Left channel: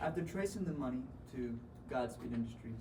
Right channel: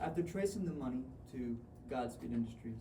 After tracing the money to Godspeed Industries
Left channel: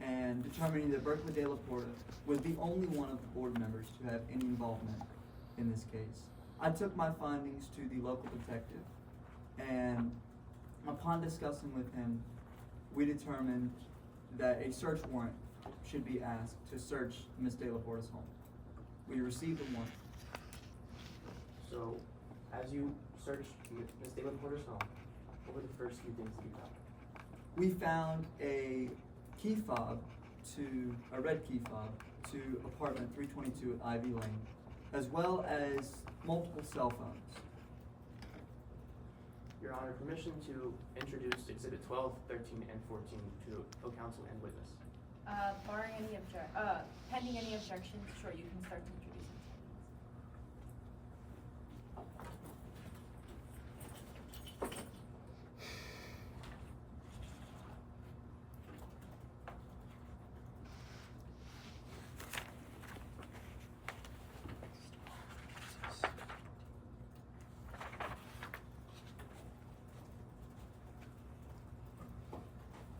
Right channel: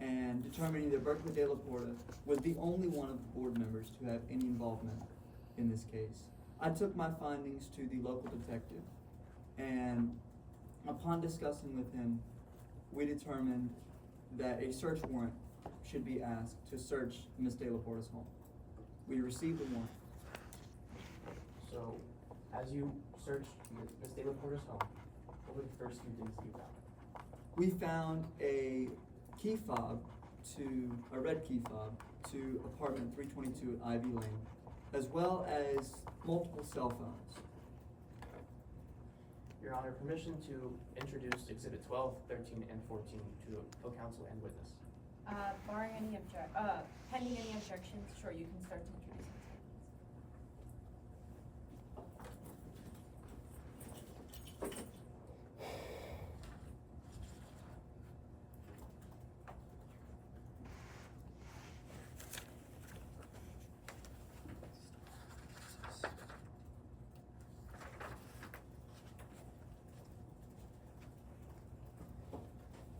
and determining that Berkeley De La Porta was the only one of the board members to have any involvement in this case, I took my findings to the local detective, and upon discussing with him, we determined that a search warrant should be asked to search Ms. De La Porta's home. We received the warrant. So, as you searched Ms. De La Porta's home, what were the first few things that you found? We found a key fob a red key fob to apartment 322 at Ivy Lane, as well as multiple cell phones. Your Honor, permission to introduce Exhibit 12, 13, and 14 to co-counsel and witness. Pending any objections, sure, you can start to introduce them.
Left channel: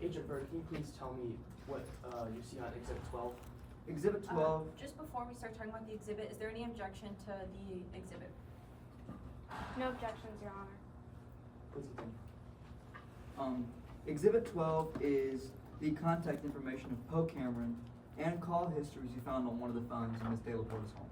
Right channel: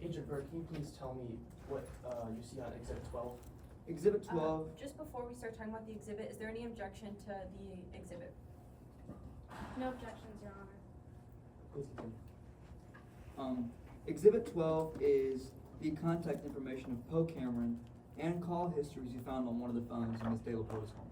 Agent Burke, can you please tell me what you see on Exhibit 12? Exhibit 12. Just before we start talking about the exhibit, is there any objection to the exhibit? No objections, Your Honor. Please continue. Exhibit 12 is the contact information of Poe Cameron and call histories you found on one of the phones in Ms. De La Porta's home.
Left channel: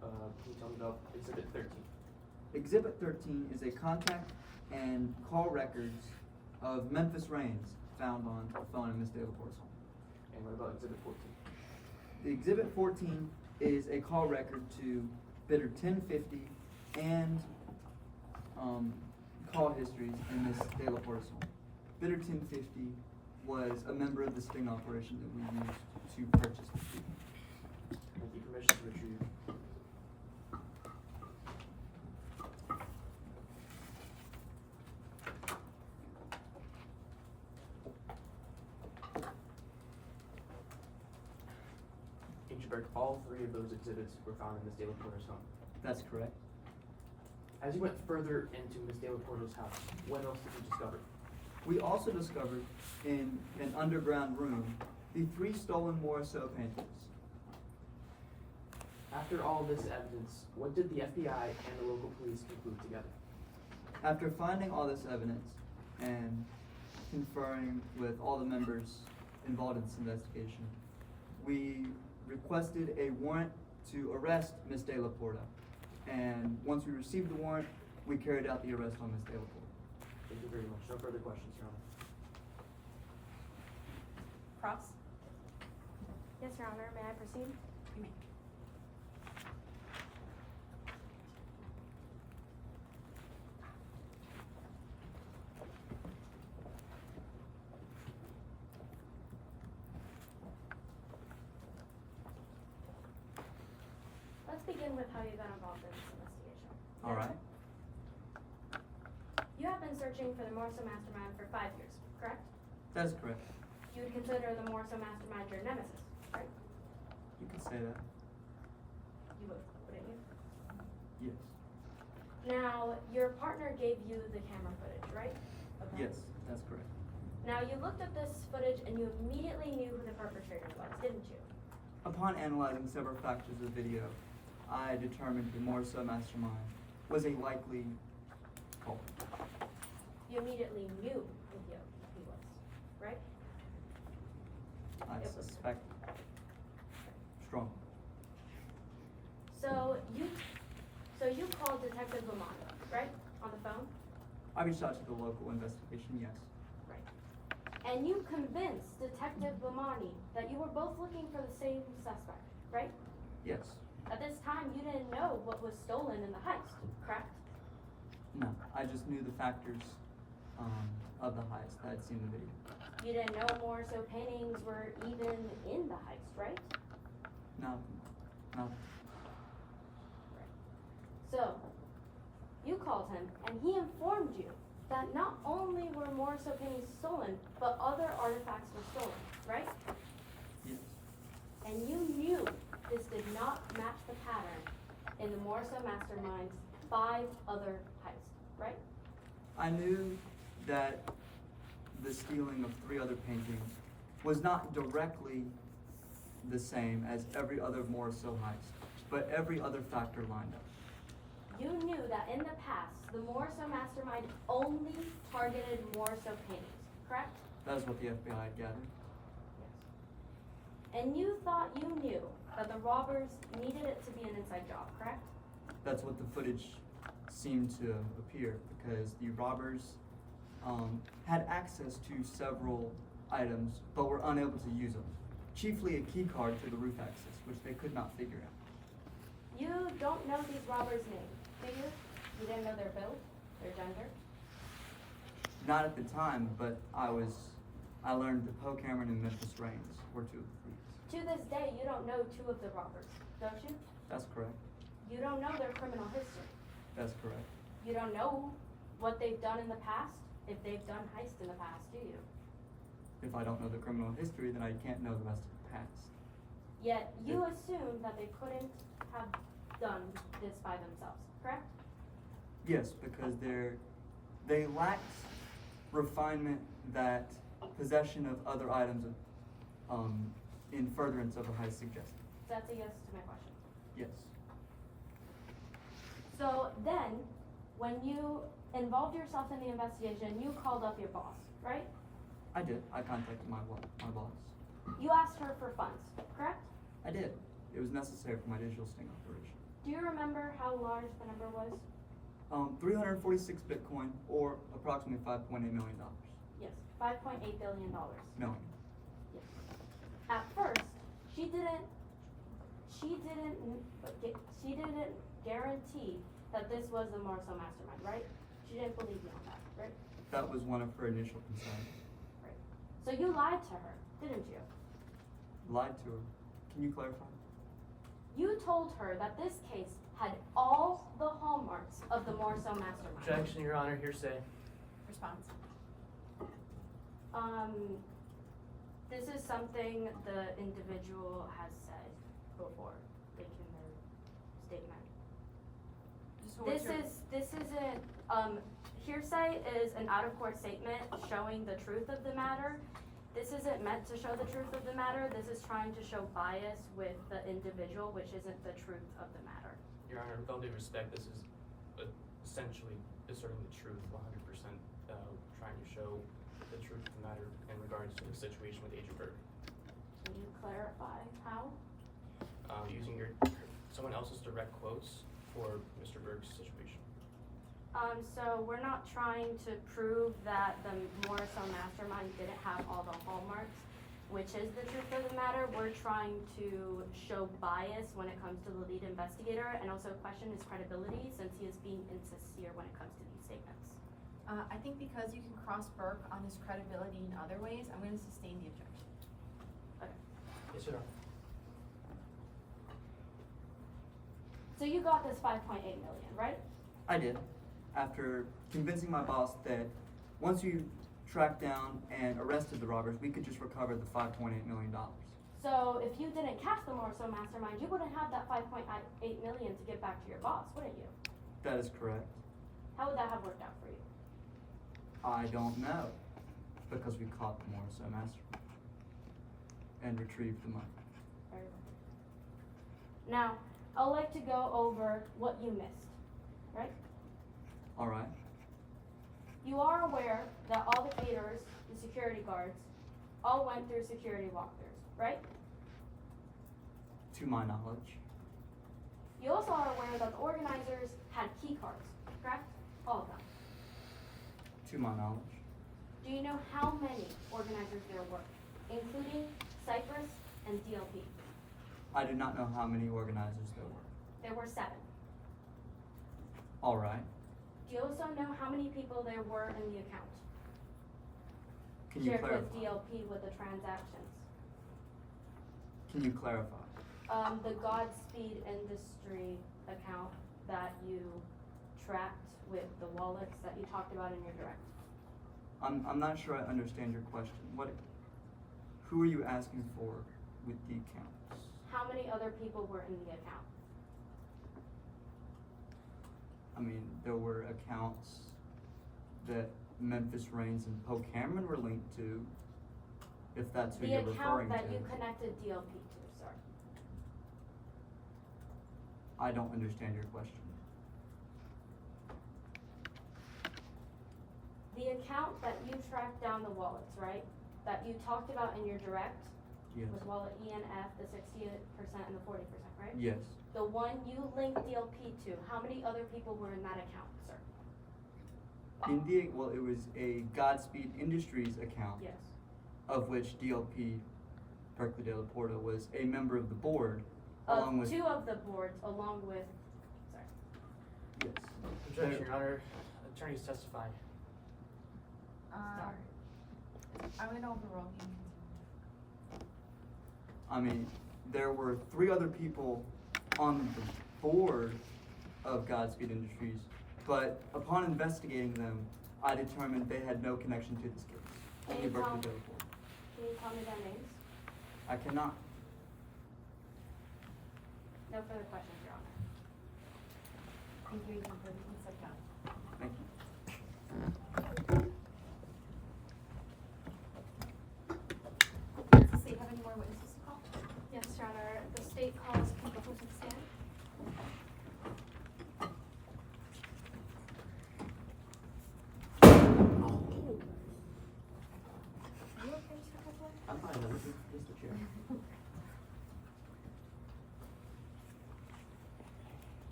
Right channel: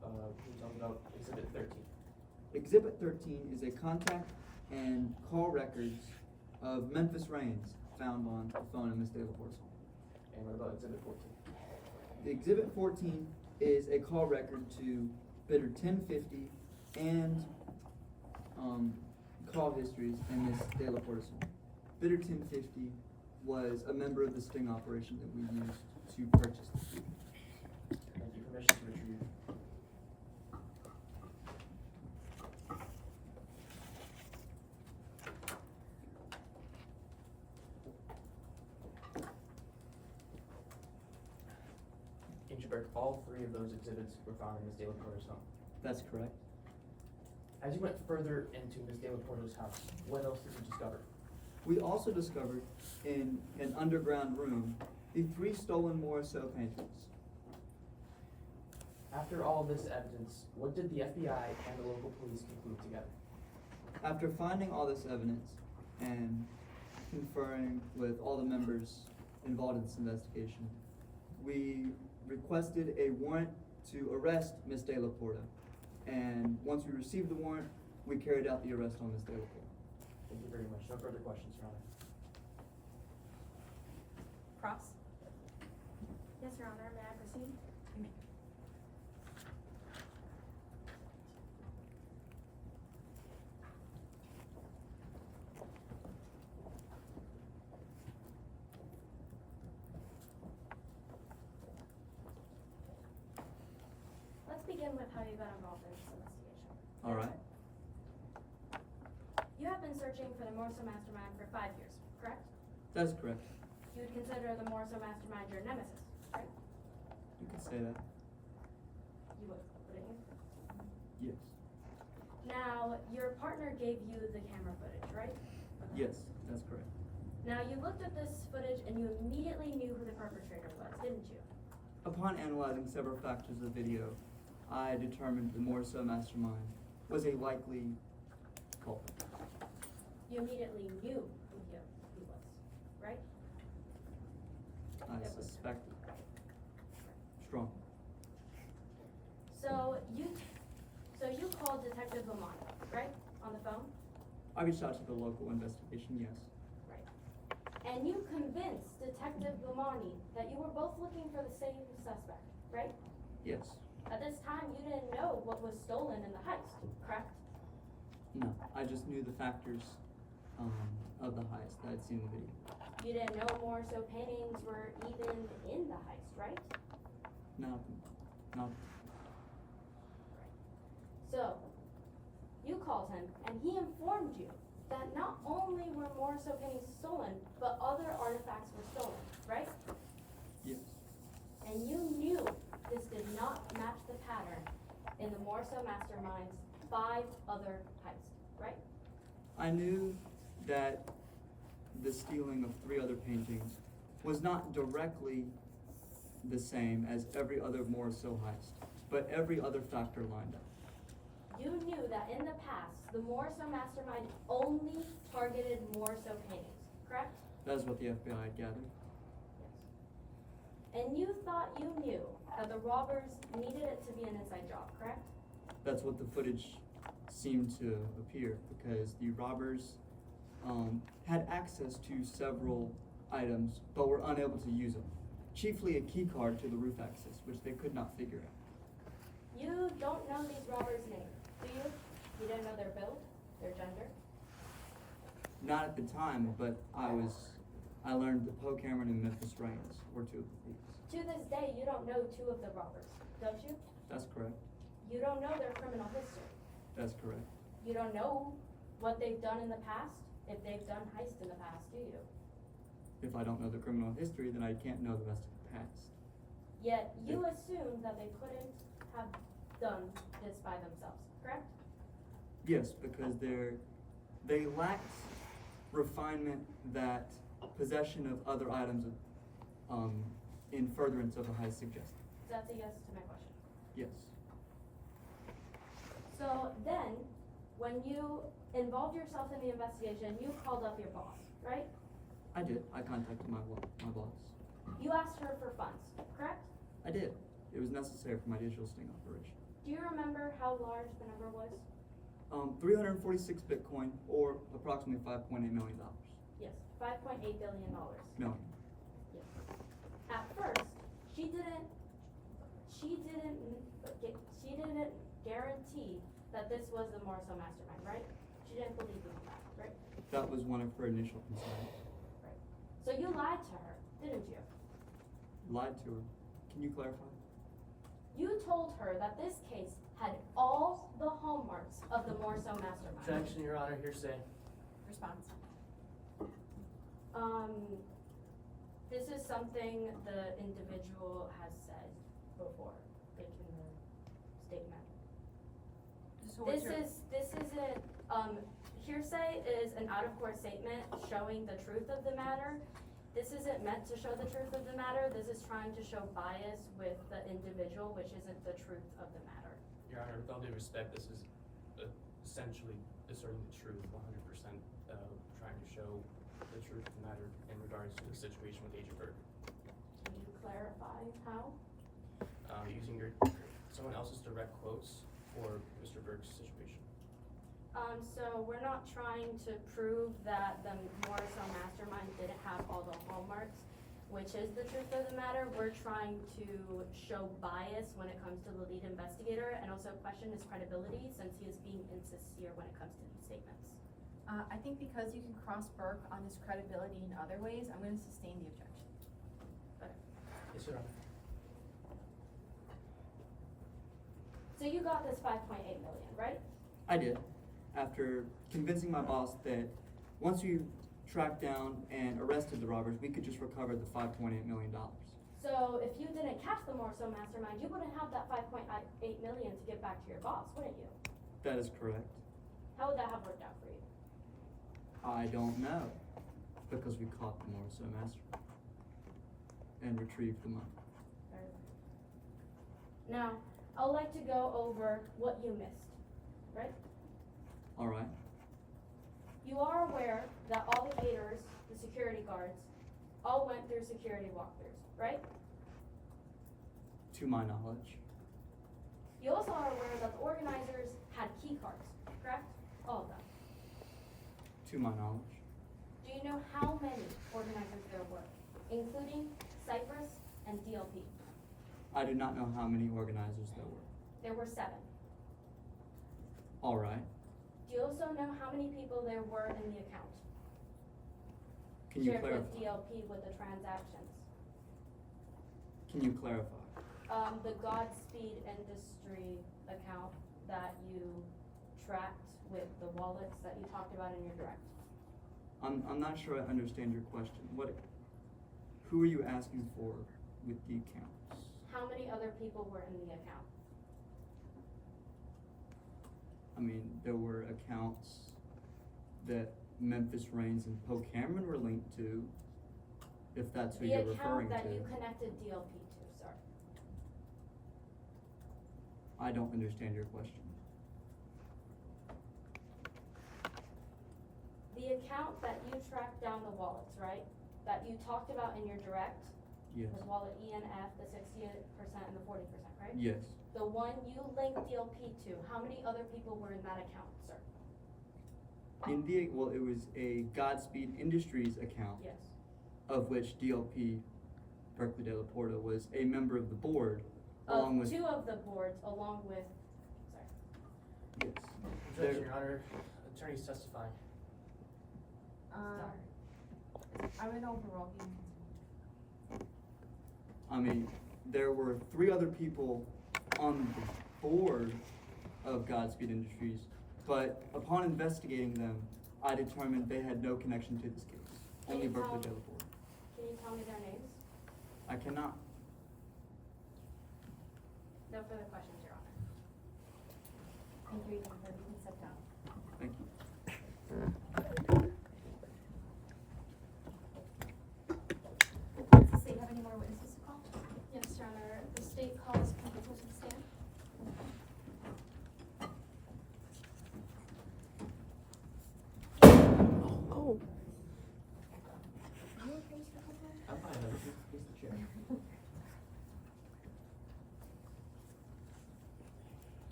Can you tell me about Exhibit 13? Exhibit 13 is a contact and call records of Memphis Rains found on the phone in Ms. De La Porta's home. And what about Exhibit 14? The Exhibit 14 is a call record to bidder 1050 and call histories in Ms. De La Porta's home. Bidder 1050 was a member of the sting operation that we used to purchase the food. Thank you. Permission to retrieve. Agent Burke, all three of those exhibits were found in Ms. De La Porta's home. That's correct. As you went further into Ms. De La Porta's house, what else did you discover? We also discovered in an underground room the 3 stolen Morisot paintings. After all this evidence, what did the FBI and the local police conclude together? After finding all this evidence and conferring with all the members involved in this investigation, we requested a warrant to arrest Ms. De La Porta. And once we received the warrant, we carried out the arrest on Ms. De La Porta. Thank you very much. No further questions, Your Honor. Cross? Yes, Your Honor. May I proceed? You may. Let's begin with how you got involved in this investigation. All right. You have been searching for the Morso mastermind for 5 years, correct? That's correct. You would consider the Morso mastermind your nemesis, right? You can say that. You would, wouldn't you? Yes. Now, your partner gave you the camera footage, right? Of that? Yes, that's correct. Now, you looked at this footage and you immediately knew who the perpetrator was, didn't you? Upon analyzing several factors of the video, I determined the Morisot mastermind was a likely culprit. You immediately knew who he was, right? I It was- suspect strongly. So you called Detective Lamont, right? On the phone? I reached out to the local investigation, yes. Right. And you convinced Detective Lamani that you were both looking for the same suspect, right? Yes. At this time, you didn't know what was stolen in the heist, correct? No, I just knew the factors of the heist that I'd seen in the video. You didn't know Morso paintings were even in the heist, right? No. Right. So, you called him, and he informed you that not only were Morso paintings stolen, but other artifacts were stolen, right? Yes. And you knew this did not match the pattern in the Morso Mastermind's 5 other heists, right? I knew that the stealing of 3 other paintings was not directly the same as every other Morriso heist, but every other factor lined up. You knew that in the past, the Morriso mastermind only targeted Morriso paintings, correct? That is what the FBI had gathered. Yes. And you thought you knew that the robbers needed it to be an inside job, correct? That's what the footage seemed to appear, because the robbers had access to several items, but were unable to use them. Chiefly a key card to the roof access, which they could not figure out. You don't know these robbers' names, do you? You didn't know their build, their gender? Not at the time, but I learned that Poe Cameron and Memphis Reigns were 2 of the thieves. To this day, you don't know 2 of the robbers, don't you? That's correct. You don't know their criminal history. That's correct. You don't know what they've done in the past, if they've done heists in the past, do you? If I don't know the criminal history, then I can't know the rest of the past. Yet you assume that they couldn't have done this by themselves, correct? Yes, because they lacked refinement that possession of other items in furtherance of a heist suggested. So that's a yes to my question. Yes. So then, when you involved yourself in the investigation, you called up your boss, right? I did. I contacted my boss. You asked her for funds, correct? I did. It was necessary for my digital sting operation. Do you remember how large the number was? 346 Bitcoin, or approximately $5.8 million. Yes, $5.8 billion. Million. Yes. At first, she didn't guarantee that this was the Morriso mastermind, right? She didn't believe you on that, right? That was one of her initial concerns. Right. So you lied to her, didn't you? Lied to her. Can you clarify? You told her that this case had all the hallmarks of the Morriso mastermind. Objection, Your Honor, hearsay. Response. This is something the individual has said before, like in their statement. So what's your- This isn't, hearsay is an out-of-court statement showing the truth of the matter. This isn't meant to show the truth of the matter. This is trying to show bias with the individual, which isn't the truth of the matter. Your Honor, with all due respect, this is essentially asserting the truth 100%, trying to show the truth of the matter in regards to the situation with Agent Burke. Can you clarify how? Using someone else's direct quotes for Mr. Burke's situation. So we're not trying to prove that the Morriso mastermind didn't have all the hallmarks, which is the truth of the matter. We're trying to show bias when it comes to the lead investigator and also question his credibility since he is being insincere when it comes to these statements. I think because you can cross Burke on his credibility in other ways, I'm gonna sustain the objection. Okay. Yes, Your Honor. So you got this 5.8 million, right? I did. After convincing my boss that once we tracked down and arrested the robbers, we could just recover the $5.8 million. So if you didn't catch the Morriso mastermind, you wouldn't have that 5.8 million to get back to your boss, wouldn't you? That is correct. How would that have worked out for you? I don't know, because we caught the Morriso mastermind and retrieved the money. Very well. Now, I'd like to go over what you missed, right? All right. You are aware that all the aiders, the security guards, all went through security walkthroughs, right? To my knowledge. You also are aware that the organizers had key cards, correct? All of them. To my knowledge. Do you know how many organizers there were, including Cypress and DLP? I do not know how many organizers there were. There were 7. All right. Do you also know how many people there were in the account? Can you Shared clarify? with DLP with the transactions. Can you clarify? The Godspeed Industry account that you tracked with the wallets that you talked about in your direct. I'm not sure I understand your question. Who are you asking for with the accounts? How many other people were in the account? I mean, there were accounts that Memphis Reigns and Poe Cameron were linked to, if that's who The you're referring account to. that you connected DLP to, sir. I don't understand your question. The account that you tracked down the wallets, right? That you talked about in your direct Yes. was wallet ENF, the 60% and the 40%, right? Yes. The one you linked DLP to, how many other people were in that account, sir? Well, it was a Godspeed Industries account, Yes. of which DLP, Berkeley De La Porta, was a member of the board, along with. Two of the boards, along with, sorry. Yes. Objection, There- Your Honor. Attorneys testify. I'm gonna overrule you. I mean, there were 3 other people on the board of Godspeed Industries, but upon investigating them, I determined they had no connection to this case. Can Only you Berkeley tell- De La Porta. Can you tell me their names? I cannot. No further questions, Your Honor. Thank you, Agent Burke, you can sit down. Thank you. Does the state have any more witnesses to call? Yes, Your Honor. The state calls people to the stand. Oh. Are you okay, Mr. Coppola? I'm fine, just the chair.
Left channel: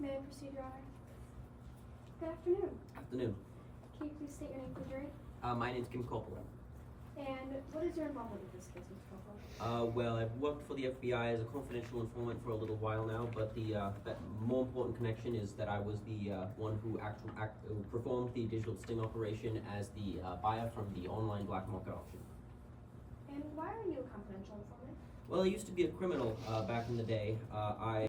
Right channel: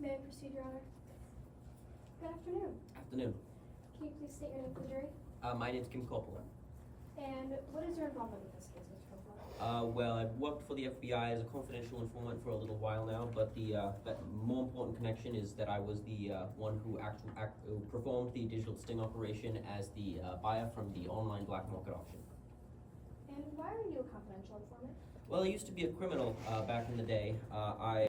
May I proceed, Your Honor? Good afternoon. Afternoon. Can you please state your name for the jury? My name's Kim Coppola. And what is your involvement with this case, Mr. Coppola? Well, I've worked for the FBI as a confidential informant for a little while now, but the more important connection is that I was the one who who performed the digital sting operation as the buyer from the online black market auction. And why are you a confidential informant? Well, I used to be a criminal back in the day. I